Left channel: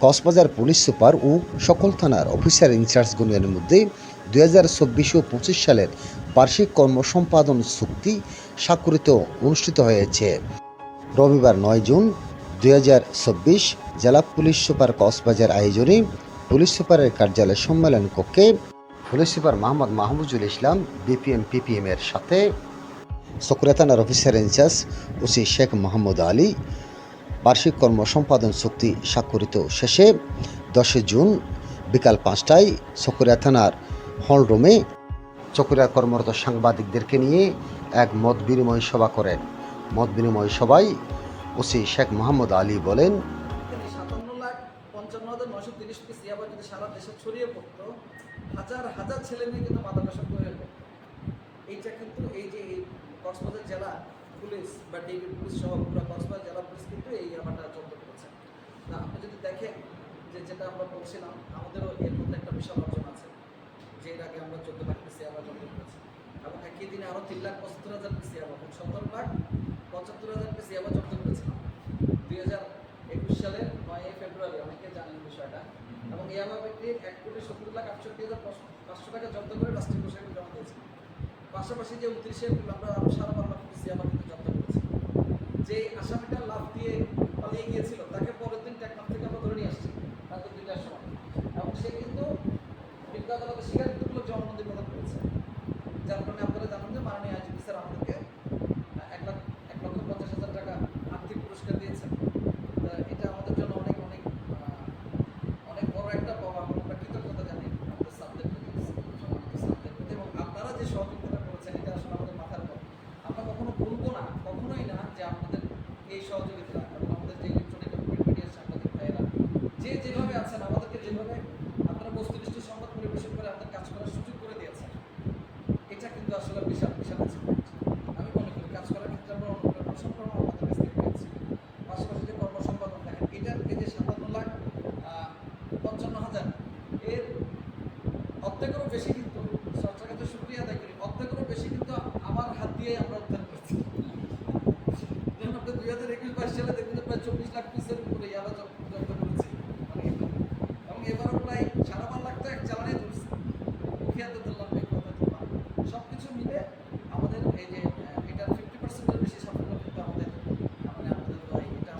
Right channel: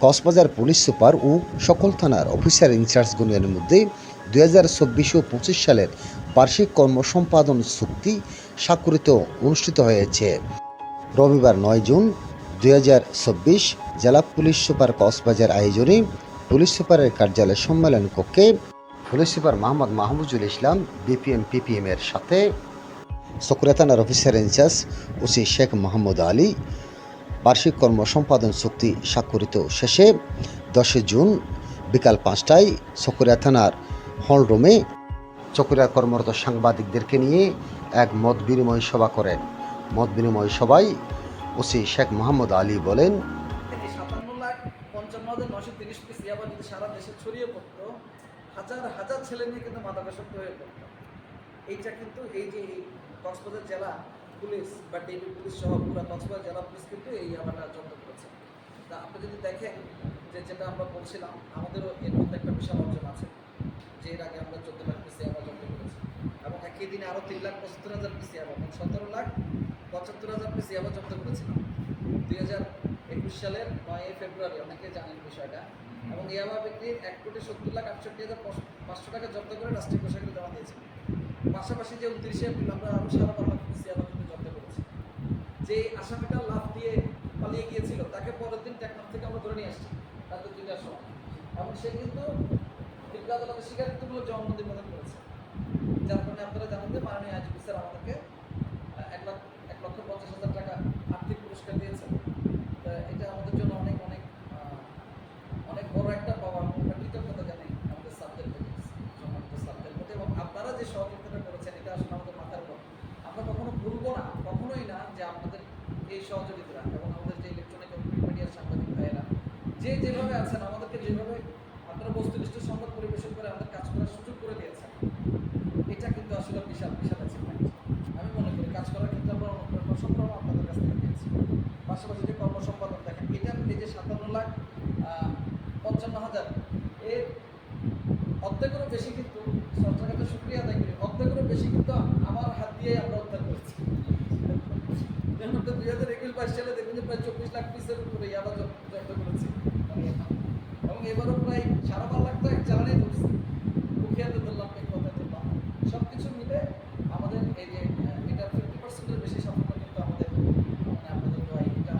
Cox's Bazar police super ও সকল থানার officer ইনচার্জগণের মধ্যে দুই হাজার চব্বিশ ও পঁচিশ সালের বার্ষিক কর্মসম্পাদন চুক্তি স্বাক্ষরিত অনুষ্ঠিত হয়েছে। রবিবার নয় জুন দুই হাজার চব্বিশ জেলা পুলিশ সুপার কক্সবাজার আয়োজনে পুলিশ সুপারের কার্যালয় সম্মেলন কক্ষে police super Mohammad Mahmuzul Islam, BPM, PPM এর সাথে চকরিয়া থানার officer in charge OC Sheikh Mohammad Ali বার্ষিক কর্ম সম্পাদন চুক্তি স্বাক্ষরিত শেষে দশই জুন বিকাল পাঁচটায় চকরিয়া থানার হলরুমে চকরিয়া কর্মরত সাংবাদিকদেরকে নিয়ে এক মত বিনিময় সভা করেন। মত বিনিময় সভায় ওসি শেখ মোহাম্মদ আলী বলেন, হাজার হাজার ছেলে মেয়ে কিন্তু মাদকাসক্ত হয়ে এইটা কিন্তু এই যে এই কক্সবাজার জেলা পুলিশ বা ডিবি পুলিশ সহ পুরো কক্সবাজার জেলা পুলিশ কিন্তু এই ইয়াবাটা জব্দ করেছে। তা আপনি যদি দেখেন যে যেটা আমরা বলছিলাম, আমাদেরও এর মধ্যে একটা বিশাল অর্জন আছে, যে এর আগে আমরা চোদ্দ লাখ পিস ইয়াবা জব্দ করেছি। এবং একই দিনে আরও তিন লাখ পঁচাত্তর হাজার পিসি ইয়াবা এবং সতেরো লাখ পঁচাত্তর হাজার পিসি ইয়াবা জব্দ করেছিলাম। দুই হাজার একুশ সালের নয় ফেব্রুয়ারি, অনেকে জানেন বিষয়টা। এবং ইয়াবা ব্যক্তির এক কোটি সত্তর লাখ আটষট্টি হাজার পাঁচশো টাকা জব্দ করে রাষ্ট্রীয় কোষাগারে জমা দিয়েছে। পাশাপাশি যে উনত্রিশে এপ্রিল আমরা সারা বারো লাখ পিস ইয়াবা কিন্তু জব্দ করেছি যে আসামিটা লাভ দিয়ে পালিয়ে গিয়েছিল, তাকে পরের দিন টেকনাফ থেকে আমরা ধরে নিয়ে আসছি, রাত দুইটার সময়। এবং সে কিন্তু বিজ্ঞ আদালতে স্বীকারোক্তিমূলক জবানবন্দি প্রদান করেছে। যার কারণে আপনারা জানেন যে মাননীয় আইজিপি স্যার আমাদেরকে এক লাখ এক লক্ষ পঞ্চাশ হাজার টাকা আর্থিক পুরস্কার দিয়েছেন। এটা আমাদের জন্য অনেক অনেক অনেক বড় একটা পাওয়া। আমরা কৃতজ্ঞতা জানি আমাদের সাবজেক্ট সম্মানিত প্রতি। এবং আপনারা যে সহযোগিতাটা করেছেন, এটা আসলে আমাদের আমরা কখনো ভুলবো না, কখনোই না যে আপনাদের এই সহযোগিতা এবং আমাদের যে ইলেকট্রনিক প্রিন্ট মিডিয়ার সাংবাদিক ভাইয়েরা, যে যেভাবে আছেন, আমাদেরকে যেভাবে আপনারা বস্তুনিষ্ঠ সংবাদ পরিবেশন করে আমাদের কাজ করার সুযোগ করে দিয়েছেন, এটা কিন্তু আসলে বিশাল বিশাল আমি মনে করি কাজ করার ক্ষেত্রে আমরা অনুপ্রেরণা আপনাদের কাছ থেকে পেয়েছি। পাশাপাশি যে কর্মসম্পাদন দেখেন, এটার এই যে সাতান্ন লাখ পঞ্চান্ন হাজার, এর অর্ধেকেরও বেশি কিন্তু সরকারের কাছে শুক্রিয়া আদায় করি, অর্ধেকেরও বেশি কিন্তু আমার হাত দিয়ে আমরা দুই হাজার একুশ বাইশ সালে দেখুন যে প্রায় চব্বিশ লাখ পিসের উপরে ইয়াবা জব্দ করেছি আমি এখন। এবং এবারও প্রায় সাড়ে বারো লাখ তো এক চালানে ধরছি। মুখিয়াতে ধরলাম, এই কথা ধরলাম। সব কিছু মিলে আমাদের এই যে এটা ফিফটি পার্সেন্টের বেশি সাফল্য কিন্তু আমাদের মানে আমাদের দোয়াই, এটা